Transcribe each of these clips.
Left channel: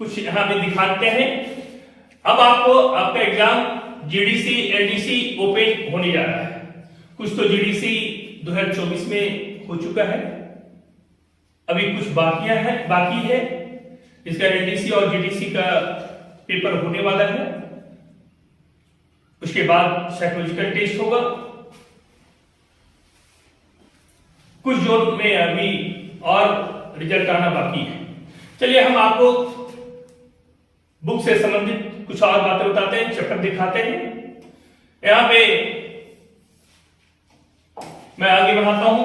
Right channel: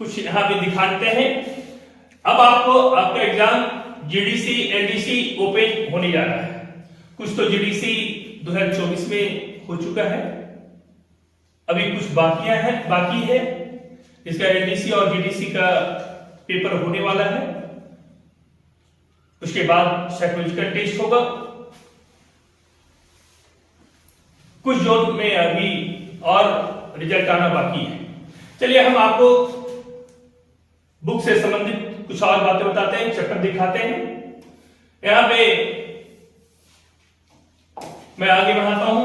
कुछ यहाँ पे दिखाते हैं। अब आपको आपका एग्जाम जीडीसी एलडीसी ओपन होने जा रहा है। कुछ तो जीडीसी 2024 में हो चुका है, अभी कुछ बाकी है इसका एलडीसी और जीडीसी का पेपर होने वाला है। उसके बाद साइकोलॉजिकल टेस्ट होगा। कुछ जोन में अभी और रिजल्ट आना बाकी है। चलिए हम आपको बुक से संबंधित कुछ और बातें बताते हैं, चैप्टर दिखाते हैं। यहां पे मैं आगे बढ़ाता हूं।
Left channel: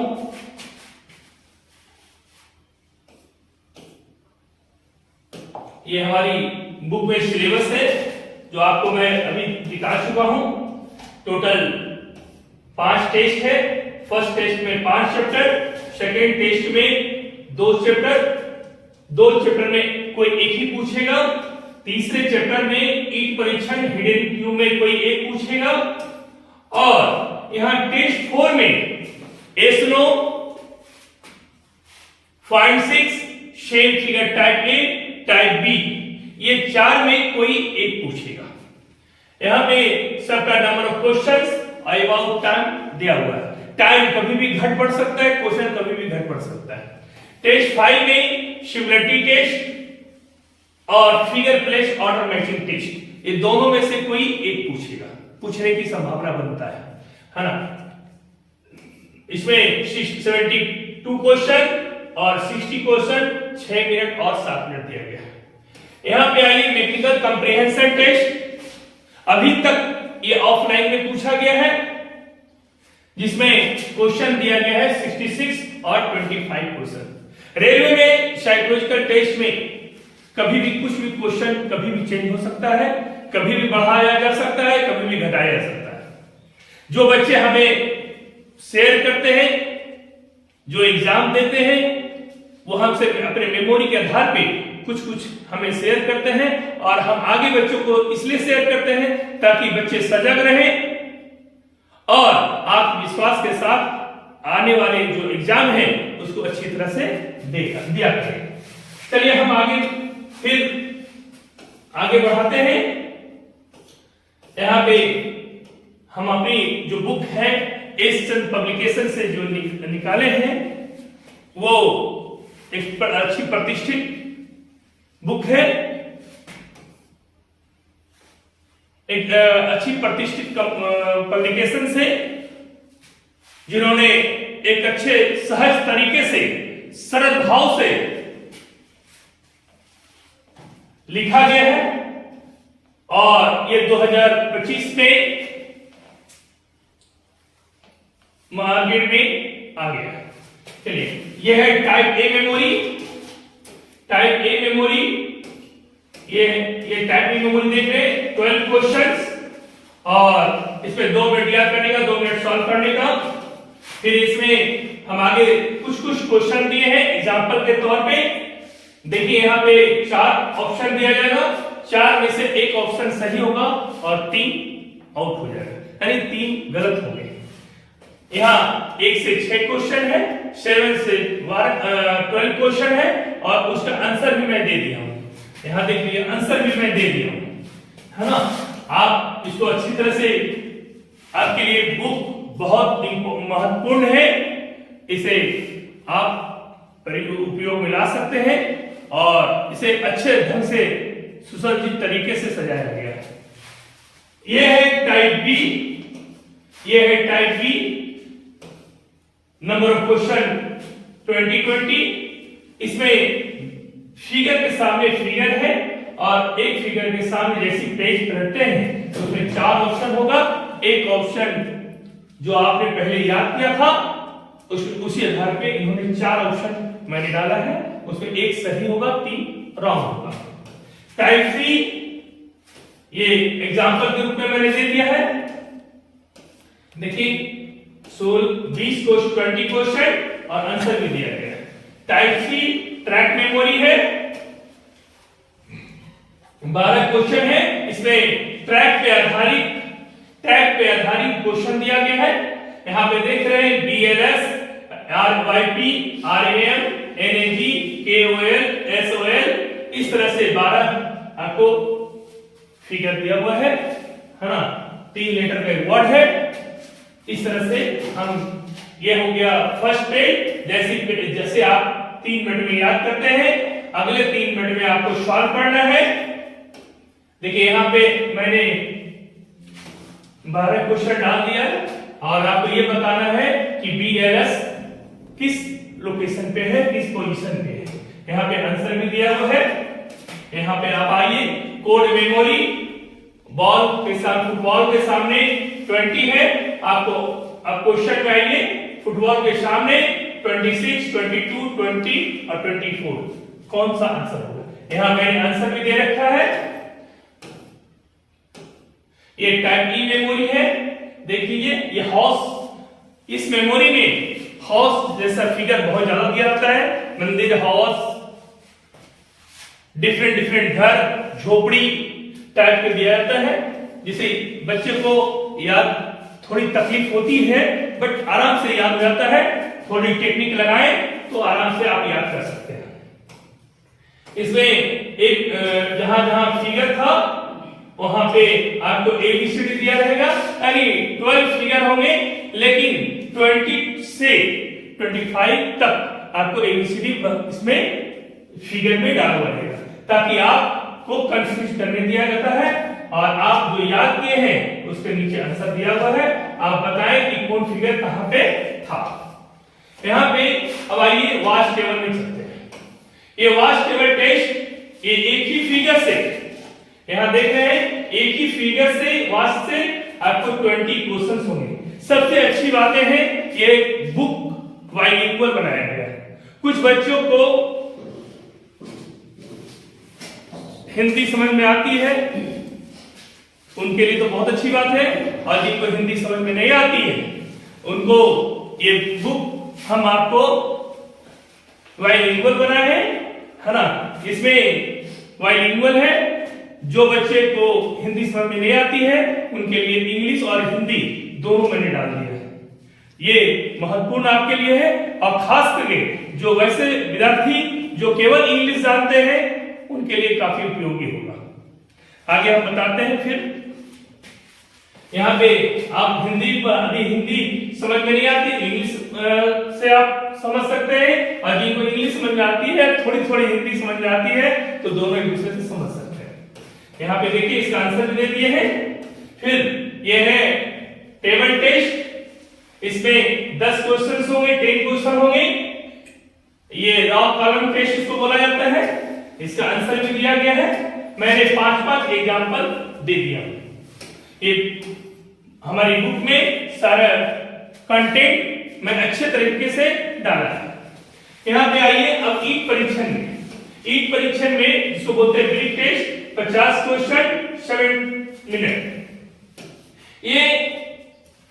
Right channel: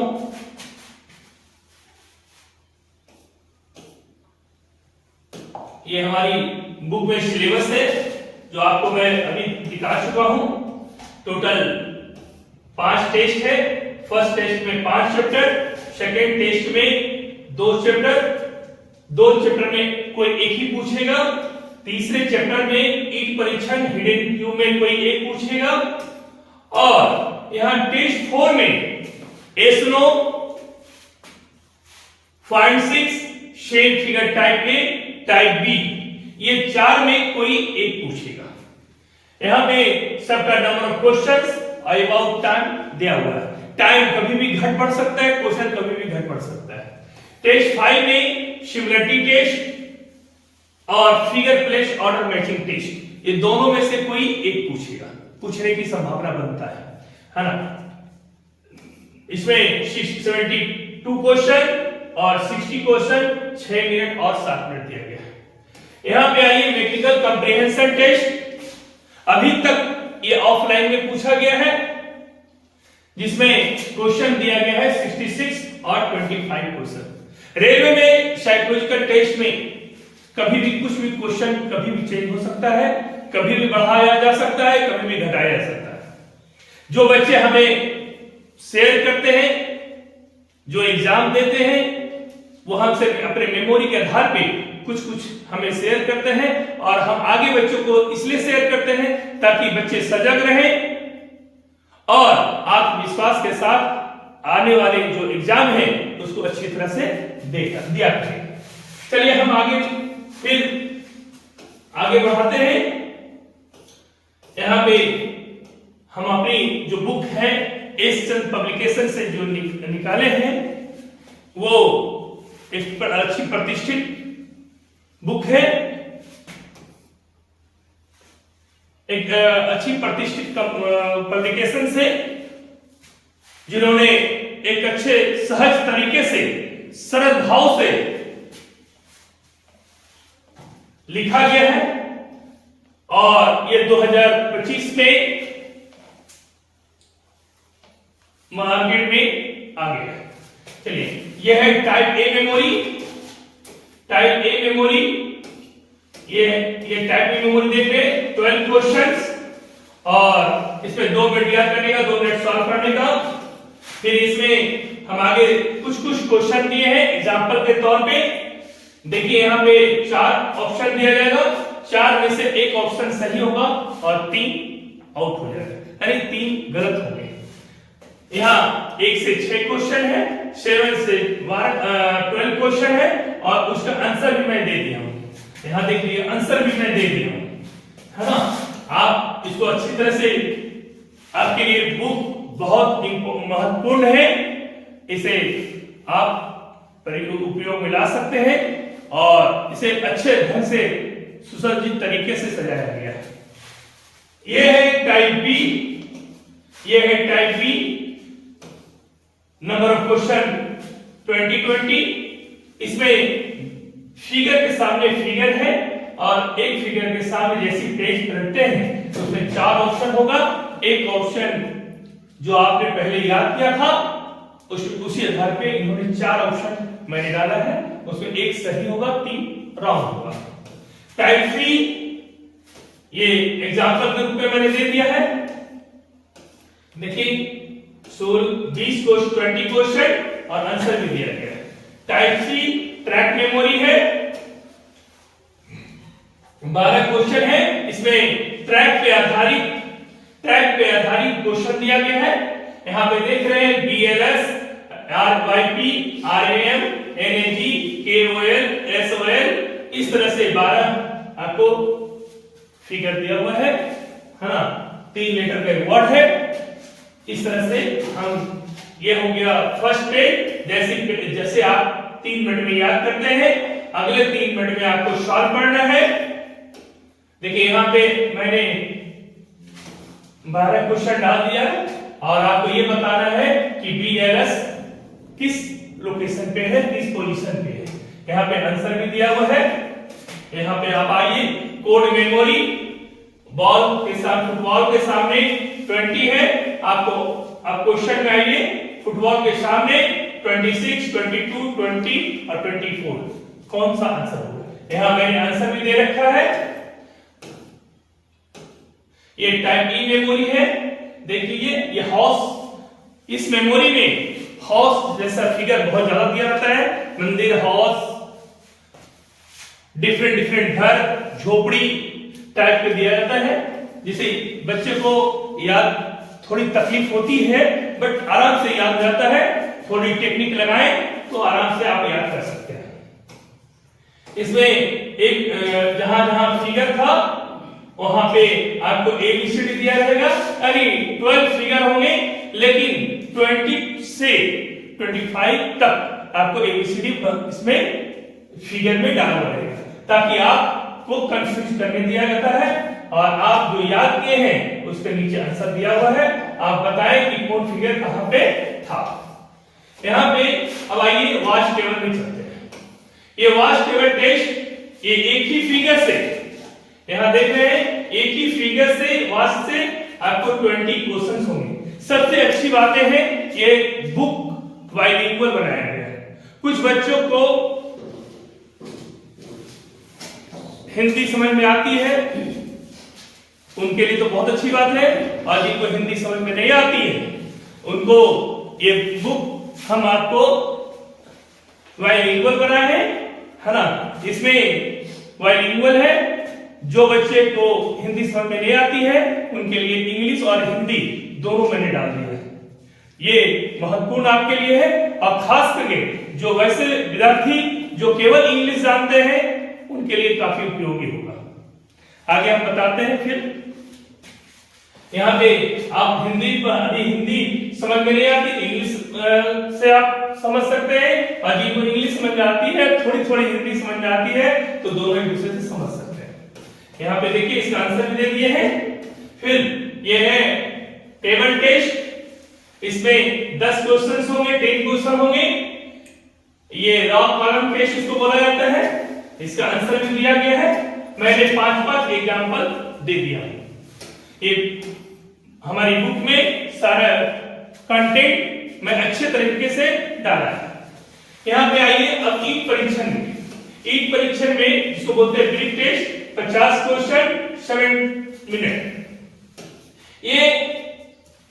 ये हमारी बुक में सिलेबस है जो आपको मैं अभी दिखा चुका हूं। टोटल 5 टेस्ट है। फर्स्ट टेस्ट में 5 चैप्टर, सेकेंड टेस्ट में 2 चैप्टर, 2 चैप्टर में कोई एक ही पूछेगा, तीसरे चैप्टर में ईट परीक्षण हिडन क्यू में कोई एक पूछेगा, और यहां टेस्ट 4 में एसनो, find 6, shape figure type A, type B, ये 4 में कोई एक पूछेगा। यहां पे सबका number of questions about time दिया हुआ है। टाइम कभी भी घट बढ़ सकता है, क्वेश्चन कभी भी घट बढ़ सकता है। टेस्ट 5 में सिमिलरिटी टेस्ट और figure place order matching test, ये दोनों में से कोई एक पूछेगा, पूछने की संभावना बनता है ना। इसमें 72 क्वेश्चन और 60 क्वेश्चन, 6 मिनट और 7 मिनट दिया गया है। यहां पे आइए मैथमेटिकल कंप्रीहेंशन टेस्ट। अभी तक ये ऑफलाइन में पूछा गया है, जिसमें क्वेश्चन दिया गया है 66 और 25 क्वेश्चन। रेलवे में साइकोलॉजिकल टेस्ट में कभी भी कुछ भी क्वेश्चन कभी भी चेंज हो सकता है, कभी भी बढ़ाया जा सकता है, कभी भी घटाया जा सकता है। जो बच्चे हमें शेयर करते हैं, जो एग्जाम देते हैं, वो हमसे अपने मेमोरी के आधार पे कुछ हमें शेयर करते हैं, और हम आगे बच्चों को इसलिए शेयर करते हैं ताकि बच्चे सजग रहें और आत्मविश्वास के साथ आने वाले जो एग्जाम है उसको अच्छी तरह से दिया करें। चलिए हम फिर आगे बढ़ाते हैं। यहां पे हम अपनी जो बुक है एस चंद पब्लिकेशन से जो निकाले हैं, वो एक अच्छी प्रतिष्ठित बुक है, एक अच्छी प्रतिष्ठित पब्लिकेशन से, जिन्होंने एक अच्छे सहज तरीके से सरल भाव से लिखा गया है, और ये 2025 में मार्केट में आ गया है। चलिए, ये है type a memory. Type a memory, ये टाइप ए मेमोरी देख रहे हैं, 12 क्वेश्चंस, और इसमें 2 मिनट याद करने का, 2 मिनट सॉल्व करने का। फिर इसमें हम आगे कुछ क्वेश्चन दिए हैं एग्जांपल के तौर पे। देखिए यहाँ पे 4 ऑप्शन दिया जाएगा, 4 में से 1 ऑप्शन सही होगा और 3 आउट हो जाएगा, यानी 3 गलत होंगे। यहाँ 1 से 6 क्वेश्चन है, 7 से 12 क्वेश्चन है, और उसका आंसर भी मैं दे दिया हूं। यहाँ देखिए आंसर भी मैं दे दिया हूं, है ना। आप इसको अच्छी तरह से, आपके लिए बुक बहुत महत्वपूर्ण है, इसे आप उपयोग में ला सकते हैं, और इसे अच्छे ढंग से सुसज्जित तरीके से सजाया गया है। यह है टाइप बी, यह है type B. Number of question 2020। इसमें फिगर के सामने फिगर है, और एक फिगर के सामने जैसी पेज रखते हैं तो उसमें 4 ऑप्शन होगा। एक ऑप्शन जो आपने पहले याद किया था, उसी आधार पे इन्होंने 4 ऑप्शन मैंने डाला है, उसमें 1 सही होगा, 3 रॉन्ग होगा। टाइप सी, ये एग्जांपल के रूप में मैंने दे दिया है। देखिए 20 20 क्वेश्चन और आंसर भी दिया गया है। टाइप सी ट्रैक मेमोरी है, 12 क्वेश्चन है, इसमें ट्रैक पे आधारित क्वेश्चन दिया गया है। यहां पे देख रहे हैं BLS, RYP, RAM, NAG, KOL, SOL, इस तरह से 12 आपको फिगर दिया हुआ है ना, 3 लेटर का एक वर्ड है। इस तरह से हम, ये हो गया फर्स्ट पेज। जैसे आप 3 मिनट में याद करते हैं, अगले 3 मिनट में आपको सॉल्व करना है। देखिए यहाँ पे मैंने 12 क्वेश्चन डाल दिया और आपको ये बताना है कि BLS किस लोकेशन पे है, किस पोजीशन पे है। यहाँ पे आंसर भी दिया हुआ है। यहाँ पे आप आइए, कोड मेमोरी बॉल के साथ, फुटबॉल के सामने 20 है, आपको अब क्वेश्चन में आइए, फुटबॉल के सामने 26, 22, 20 और 24 कौन सा आंसर होगा। यहां मैंने आंसर भी दे रखा है। ये टाइप ई मेमोरी है। देखिए ये हाउस, इस मेमोरी में हाउस जैसा फिगर बहुत ज्यादा दिया जाता है। मंदिर, हाउस, डिफरेंट घर, झोपड़ी टाइप के दिया जाता है, जिसे बच्चे को याद थोड़ी तकलीफ होती है, बट आराम से याद हो जाता है। थोड़ी टेक्निक लगाएं तो आराम से आप याद कर सकते हैं। इसमें एक जहां जहां फिगर था वहां पे आपको ABCD दिया जाएगा, यानी 12 फिगर होंगे, लेकिन 20 से 25 तक आपको ABCD इसमें फिगर में डाला हुआ रहेगा, ताकि आपको कंफ्यूज करने दिया जाता है और आप जो याद किए हैं उसके नीचे आंसर दिया हुआ है। आप बताएं कि कौन फिगर कहां पे था। यहां पे अब आइए वॉच टेबल में चलते हैं। ये वॉच टेबल टेस्ट, ये एक ही फिगर से, यहां देख रहे हैं, एक ही फिगर से वॉच से आपको 20 क्वेश्चंस होंगे। सबसे अच्छी बातें हैं, ये बुक बाइलिंगुअल बनाया गया है। कुछ बच्चों को हिंदी समझ में आती है, उनके लिए तो बहुत अच्छी बात है, और जिनको हिंदी समझ में नहीं आती है उनको ये बुक हम आपको बाइलिंगुअल बनाए है ना। इसमें बाइलिंगुअल है, जो बच्चे को हिंदी समझ में नहीं आती है उनके लिए इंग्लिश और हिंदी दोनों मैंने डाल दिया है। ये महत्वपूर्ण आपके लिए है, और खास करके जो वैसे विद्यार्थी जो केवल इंग्लिश जानते हैं उनके लिए काफी उपयोगी होगा। आगे हम बताते हैं। फिर यहाँ पे आप हिंदी समझ में नहीं आती, इंग्लिश से आप समझ सकते हैं, और जिनको इंग्लिश समझ में आती है, थोड़ी थोड़ी हिंदी समझ में आती है, तो दोनों एक दूसरे से समझ सकते हैं। यहाँ पे देखिए इसका आंसर भी दे दिए हैं। फिर ये है टेबल टेस्ट, इसमें 10 क्वेश्चन होंगे, 10 क्वेश्चन होंगे। ये रॉ कॉलम टेस्ट इसको बोला जाता है। इसका आंसर भी दिया गया है। मैंने 5-5 एग्जाम्पल दे दिया। एक हमारी बुक में सारा कंटेंट मैं अच्छे तरीके से डाला है। यहां पे आइए अब ईट परीक्षण में। ईट परीक्षण में जिसको बोलते हैं ब्रीफ टेस्ट, 50 क्वेश्चन 7 मिनट। ये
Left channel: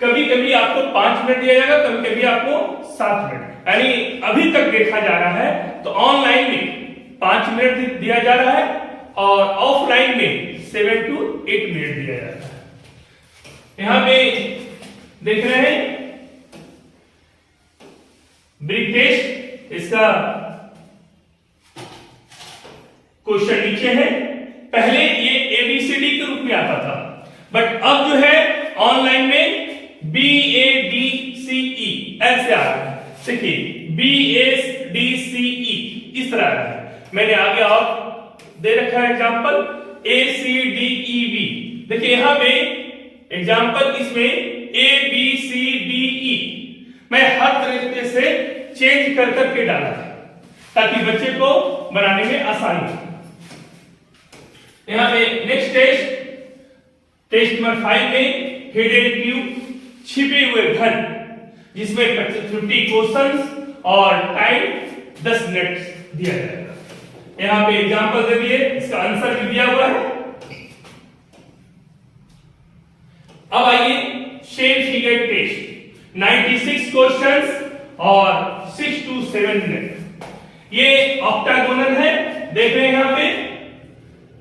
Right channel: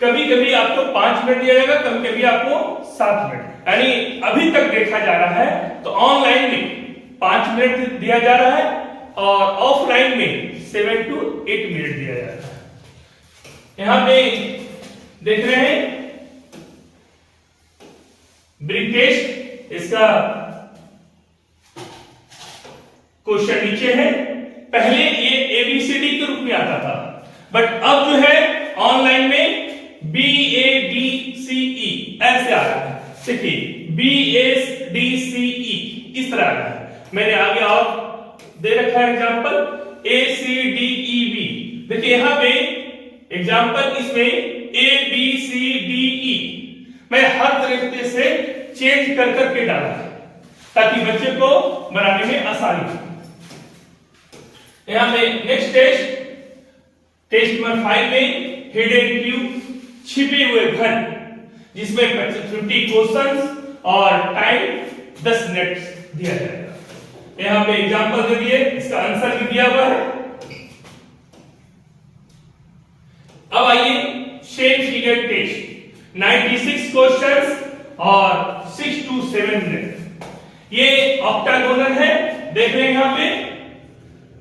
कभी कभी आपको 5 मिनट दिया जाएगा, कभी कभी आपको 7 मिनट, यानी अभी तक देखा जा रहा है तो ऑनलाइन में 5 मिनट दिया जा रहा है और ऑफलाइन में 7 to 8 मिनट दिया जाता है। यहां पे देख रहे हैं ब्रीफ टेस्ट, इसका क्वेश्चन नीचे है। पहले ये ABCD के रूप में आता था, बट अब जो है ऑनलाइन में BADCE ऐसे आ रहा है। देखिए BADCE इस तरह आ रहा है। मैंने आगे और दे रखा है एग्जांपल ACDEB। देखिए यहां पे एग्जांपल इसमें ABCDE मैं हर तरीके से चेंज कर करके डाला है ताकि बच्चे को बनाने में आसानी हो। यहां पे नेक्स्ट टेस्ट नंबर 5 में हिडन क्यू, छिपे हुए घन, जिसमें 50 क्वेश्चंस और टाइम 10 मिनट दिया जाएगा। यहां पे एग्जांपल दे दिए, इसका आंसर भी दिया हुआ है। अब आइए सेम फिगर टेस्ट, 96 क्वेश्चंस और 6 to 7 मिनट। ये ऑक्टागोनल है, देख रहे हैं यहां पे,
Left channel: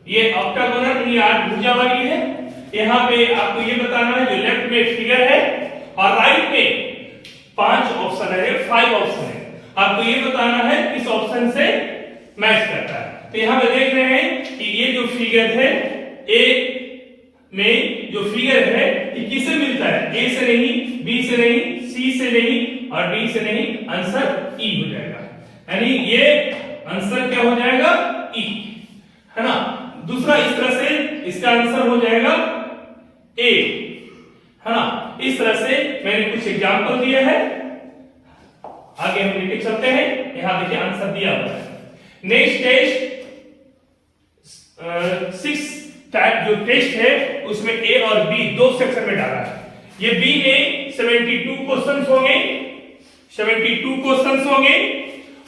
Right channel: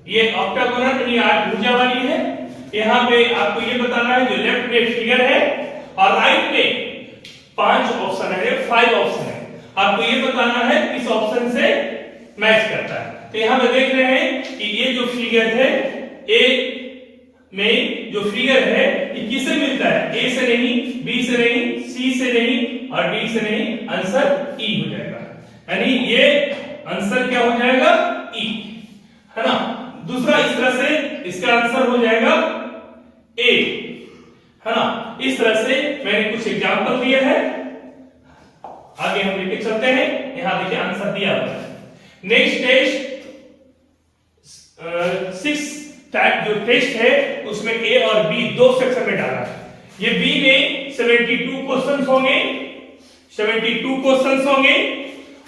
ये ऑक्टागोनल ये 8 भुजा वाली है। यहां पे आपको ये बताना है जो लेफ्ट में फिगर है और राइट में 5 ऑप्शन है, 5 ऑप्शन है। आपको ये बताना है किस ऑप्शन से मैच करता है। तो यहां पे देख रहे हैं कि ये जो फिगर है ए में जो फिगर है ये किससे मिलता है? ए से नहीं, बी से नहीं, सी से नहीं और डी से नहीं, आंसर ई हो जाएगा। यानी ये आंसर क्या हो जाएगा? ई, है ना। दूसरा इस तरह से इसका आंसर हो जाएगा ए, है ना। इस तरह से मैंने कुछ एग्जांपल दिया है, आगे हम लेके चलते हैं। यहां देखिए आंसर दिया हुआ है। नेक्स्ट टेस्ट 6 टाइप जो टेस्ट है उसमें ए और बी दो सेक्शन में डाला है। ये बी में 72 क्वेश्चंस होंगे, 72 क्वेश्चंस होंगे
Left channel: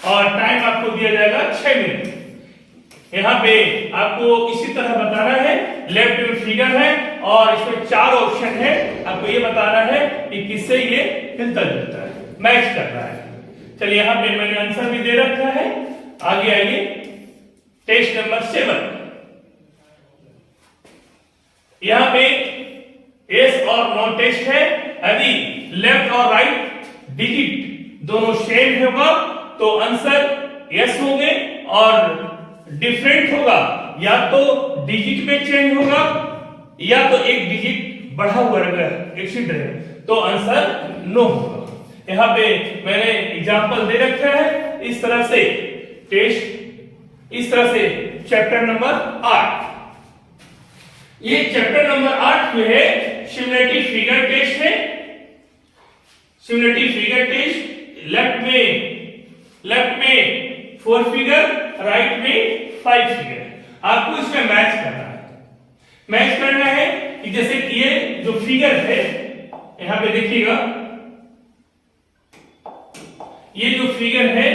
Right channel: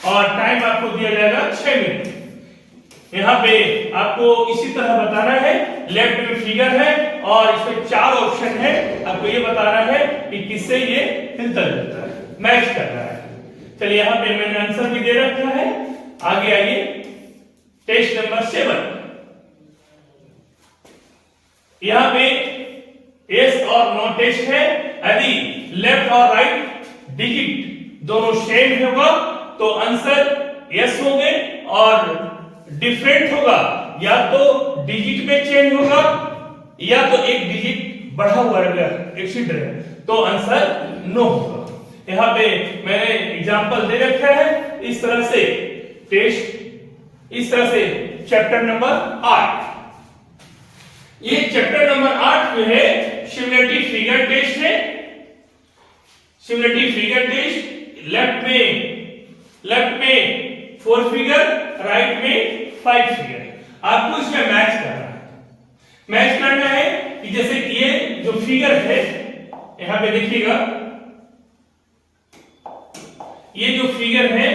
और टाइम आपको दिया जाएगा 6 मिनट। यहां पे आपको इसी तरह बताना है, लेफ्ट में फिगर है और इसमें 4 ऑप्शन है, आपको ये बताना है कि किससे ये मिलता जुलता है, मैच कर रहा है। चलिए यहां पे मैंने आंसर भी दे रखा है। आगे आइए टेस्ट नंबर 7। यहां पे यस और नो टेस्ट है। यदि लेफ्ट और राइट डिजिट दोनों सेम होगा तो आंसर यस होंगे और डिफरेंट होगा या तो डिजिट में चेंज होगा या तो एक डिजिट बढ़ा हुआ एक्सीड है तो आंसर नो होगा। यहां पे मैंने एग्जांपल दे रखा है इस तरह से टेस्ट, इस तरह से चैप्टर नंबर 8। ये चैप्टर नंबर 8 में है सिमुलेटिव फिगर टेस्ट है। सिमुलेटिव फिगर टेस्ट लेफ्ट में 4 फिगर, राइट में 5 फिगर। आपको इसमें मैच करना है। मैच करना है कि जैसे कि ये जो फिगर है यहां पे देखिएगा, ये जो फिगर है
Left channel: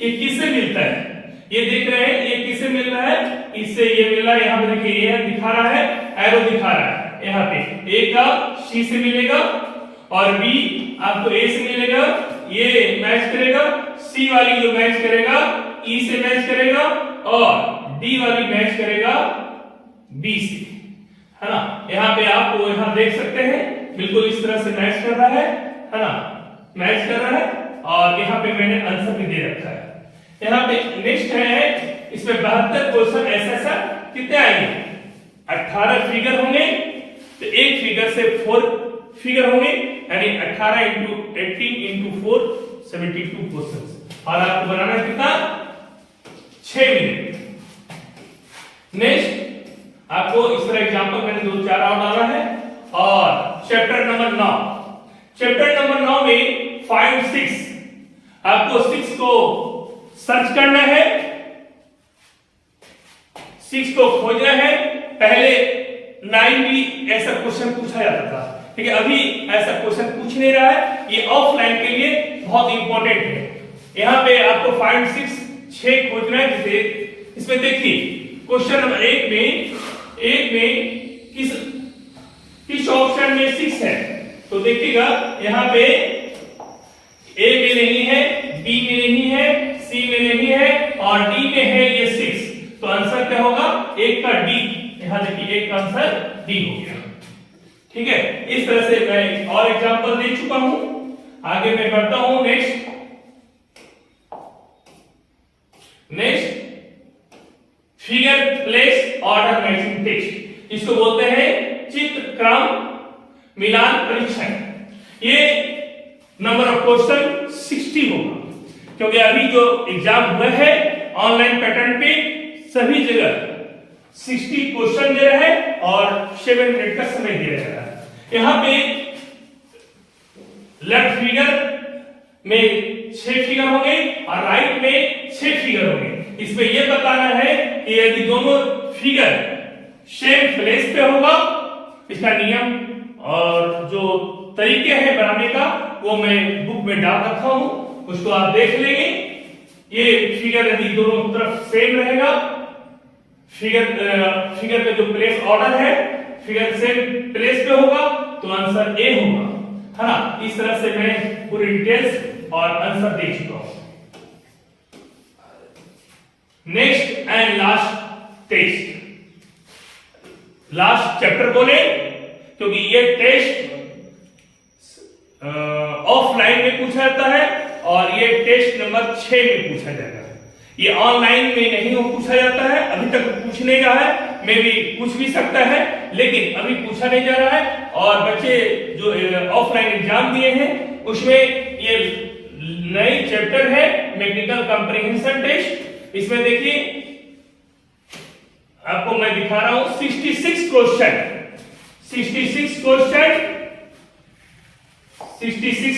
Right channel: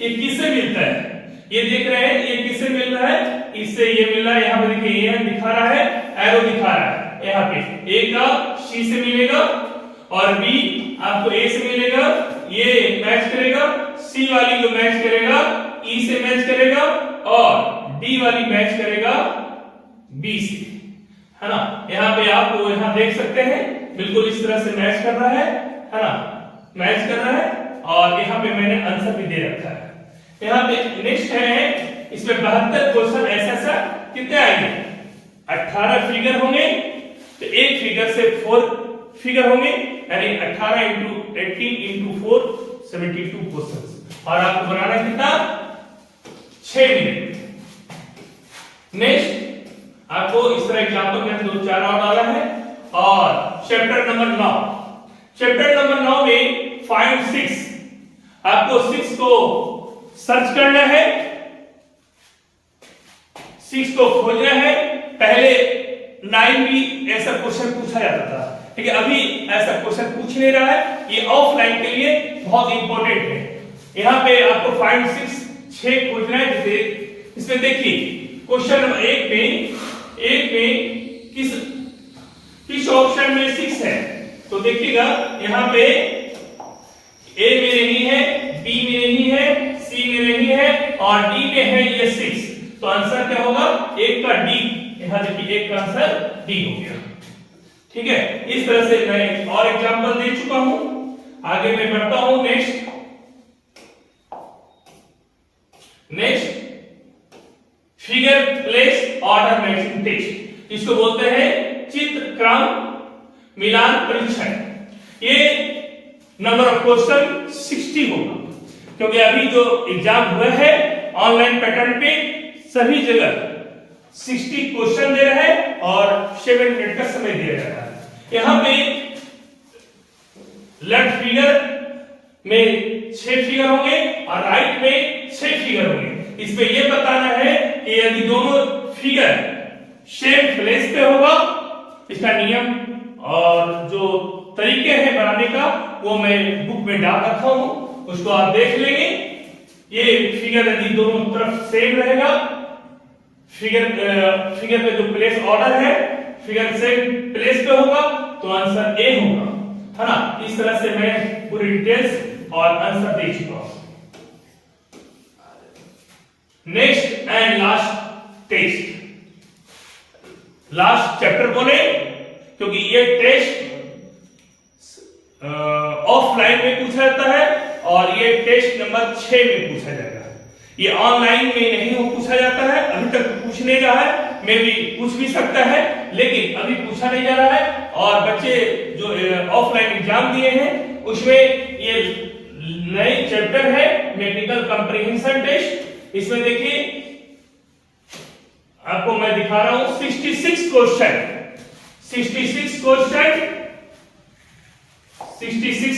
ये किससे मिलता है? ये देख रहे हैं ये किससे मिल रहा है? इससे ये मिल रहा है। यहां पे देखिए ये दिखा रहा है, एरो दिखा रहा है। यहां पे ए का सी से मिलेगा और बी आपको ए से मिलेगा, ये मैच करेगा। सी वाली जो मैच करेगा ई से मैच करेगा और डी वाली मैच करेगा बी से, है ना। यहां पे आप यहां देख सकते हैं बिल्कुल इस तरह से मैच कर रहा है ना, मैच कर रहा है। और यहां पे मैंने आंसर भी दे रखा है। यहां पे नेक्स्ट है, इसमें 72 क्वेश्चन ऐसा कितने आएंगे? 18 फिगर होंगे तो एक फिगर से 4 फिगर होंगे, यानी 18 इंटू 18 इंटू 4 72 क्वेश्चन। और आपको बनाना कितना? 6 मिनट। नेक्स्ट आपको इस तरह एग्जांपल मैंने 2-4 और डाला है। और चैप्टर नंबर 9, चैप्टर नंबर 9 में 5 6 आपको 6 को सर्च करना है, 6 को खोजना है। पहले 9 भी ऐसा क्वेश्चन पूछा जाता था, ठीक है। अभी ऐसा क्वेश्चन पूछ नहीं रहा है, ये ऑफलाइन के लिए बहुत इंपॉर्टेंट है। यहां पे आपको 5 6 खोजना है। जैसे इसमें देखिए क्वेश्चन नंबर 1 में किस ऑप्शन में 6 है? तो देखिएगा यहां पे ए में नहीं है, बी में नहीं है, सी में नहीं है और डी में है ये 6। तो आंसर क्या होगा? एक का डी। यहां देखिए एक का आंसर डी हो गया, ठीक है। इस तरह से मैं और एग्जांपल दे चुका हूं। आगे मैं बढ़ता हूं। Next figure place order matching test, इसको बोलते हैं चित्र क्रम मिलान परीक्षण। ये नंबर ऑफ क्वेश्चन 60 होगा, क्योंकि अभी जो एग्जाम हुआ है ऑनलाइन पैटर्न पे सभी जगह 60 क्वेश्चन दे रहे हैं और 7 मिनट का समय दिया जा रहा है। यहां पे लेफ्ट फिगर में 6 फिगर होंगे और राइट में 6 फिगर होंगे। इसमें यह बताना है कि यदि दोनों फिगर सेम प्लेस पे होगा, इसका नियम और जो तरीके हैं बनाने का वो मैं बुक में डाल रखा हूं, उसको आप देख लेंगे। ये फिगर यदि दोनों तरफ सेम रहेगा, फिगर पे जो प्लेस ऑर्डर है फिगर सेम प्लेस पे होगा तो आंसर ए होगा, है ना। इस तरह से मैं पूरी डिटेल्स और आंसर दे चुका हूं। Next and last test, last chapter बोले क्योंकि ये टेस्ट ऑफलाइन में पूछा जाता है और ये टेस्ट नंबर 6 में पूछा जाएगा। ये ऑनलाइन में नहीं हो पूछा जाता है, अभी तक पूछ नहीं रहा है, मे भी पूछ भी सकता है, लेकिन अभी पूछा नहीं जा रहा है। और बच्चे जो ऑफलाइन एग्जाम दिए हैं उसमें ये नए चैप्टर है मैकेनिकल कंप्रीहेंशन टेस्ट। इसमें देखिए आपको मैं दिखा रहा हूं 66 क्वेश्चन, 66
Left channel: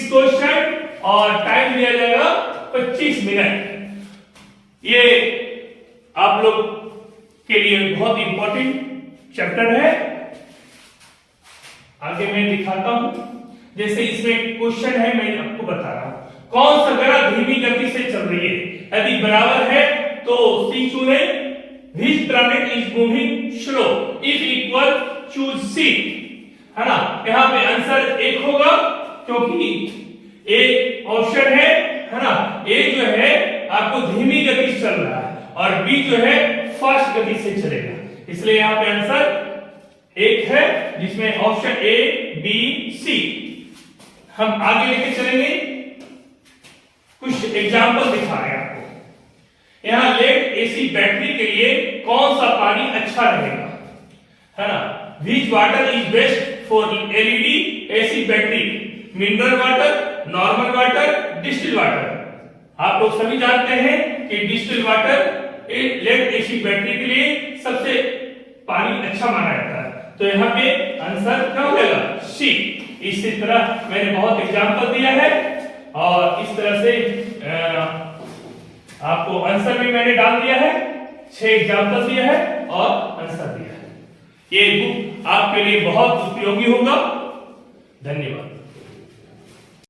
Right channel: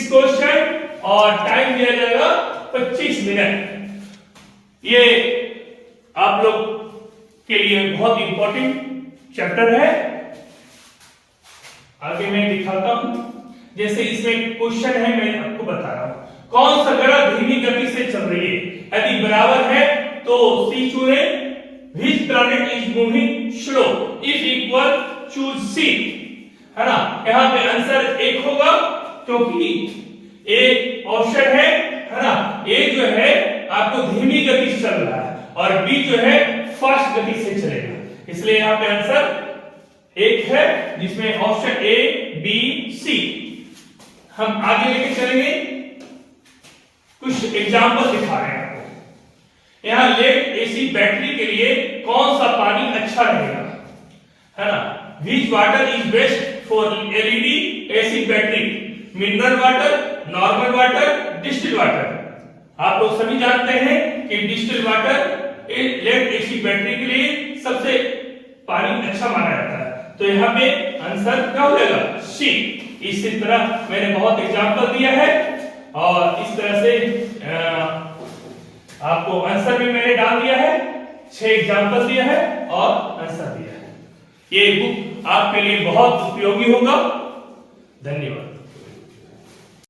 क्वेश्चन और टाइम दिया जाएगा 25 मिनट। ये आप लोग के लिए बहुत इंपॉर्टेंट चैप्टर है। आगे मैं दिखाता हूं, जैसे इसमें क्वेश्चन है, मैं आपको बता रहा हूं कौन सा ग्रह धीमी गति से चल रही है। यदि बराबर है तो सी चुने, which planet is moving slow, if equal choose C, है ना। यहां पे आंसर एक होगा क्योंकि एक ऑप्शन है ना। ए जो है आपको धीमी गति से चल रहा है और बी जो है फास्ट गति से चलेगा, इसलिए यहां पे आंसर एक है, जिसमें ऑप्शन ए बी सी। हम आगे लेके चलेंगे, कुछ एग्जांपल दिखा रहे हैं आपको। यहां लेड एसी बैटरी के लिए कौन सा पानी अच्छा रहेगा, है ना। Which water is best for LED AC battery, mineral water, normal water, distil water. आप लोग सभी जानते हैं कि distil water lead AC battery के लिए सबसे पानी अच्छा माना जाता है, तो यहाँ पे आंसर क्या हो जाएगा, सी। इसी तरह मैंने बहुत एग्जांपल दिया है और इस तरह से आपको आंसर भी मैंने डाल दिया है, 6 एग्जांपल दिया है और आंसर दिया है। ये बुक आपके लिए बहुत उपयोगी होगा। धन्यवाद।